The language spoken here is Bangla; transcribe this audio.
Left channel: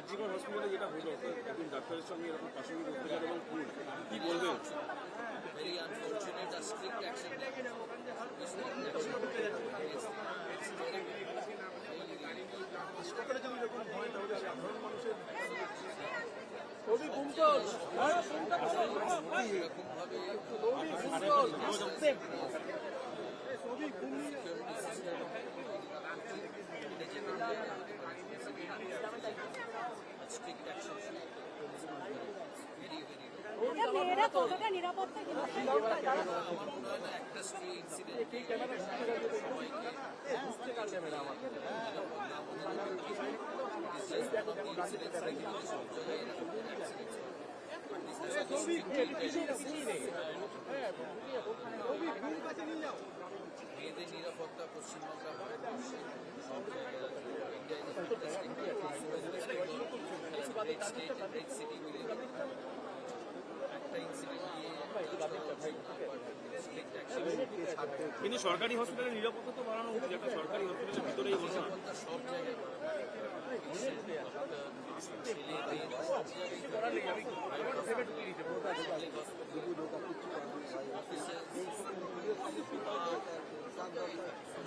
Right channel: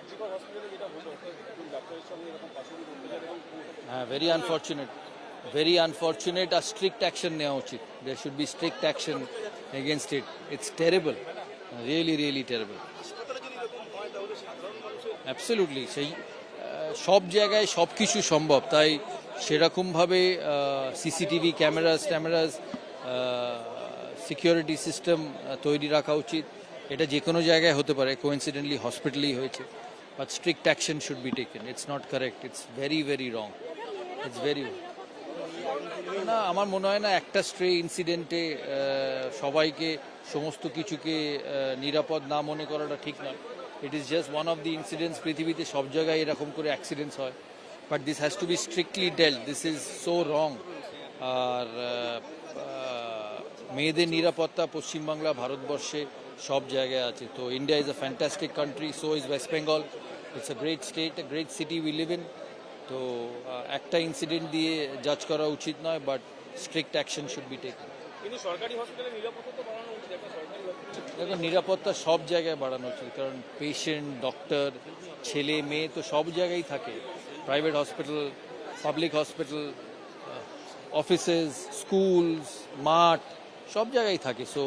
আরজিকর হসপিটালে যেটা হলো, একজন ডাক্তারের সঙ্গে এরকম পাশবিক অত্যাচার এবং খুন, হ্যাঁ, very unfortunate. A strict action নেওয়া উচিত. There should be strict action against it. It's terrible, really terrible. Absolutely. সেই সব জায়গায় সব কিছু সম্ভব, তাই সেরকমভাবে সিসিটিভি ক্যামেরাস সিকিউরিটি সিস্টেম তৈরি রাখা উচিত। এটা যে কোনো জায়গায় হতে পারে, কোইন্সিডেন্টলি হসপিটালেই হয়েছে, but strict action should be taken. It's not correct, it's very wrong. It's very না, আমার মনে হয় না একটা স্ট্রে ইনসিডেন্টে সবাইকে সমস্ত কিছুকে নিরাপদ না মনে করাটা ঠিক না। It is just one of the incidents. পৃথিবীতে সব জায়গায় এরকম করে অ্যাক্সিডেন্টস হয়, but this has to be strictly dealt. This is so wrong. আর মেয়েদের নিরাপত্তা পশ্চিমবাংলা, ভারতবর্ষে সব জায়গায় আছে। তো India is a fantastic country, so is West Bengal. It's a great state, a great city we live in. তো একটা ইনসিডেন্ট দিয়ে জাজ করা উচিত নয়, but strict action should be taken. কিন্তু সরকারি হসপিটালে নিরাপত্তা তো বাড়ানো উচিত, একটা সরকারি হসপিটাল। নিরাপত্তা সব জায়গায় বাড়ানো উচিত, কারণ পেশেন্ট, ডক্টর, ছেলে মেয়ে তো সব জায়গায় থাকে। Private hospital, public hospital, offices, schools, মাঠ, সব জায়গায় থাকে। সো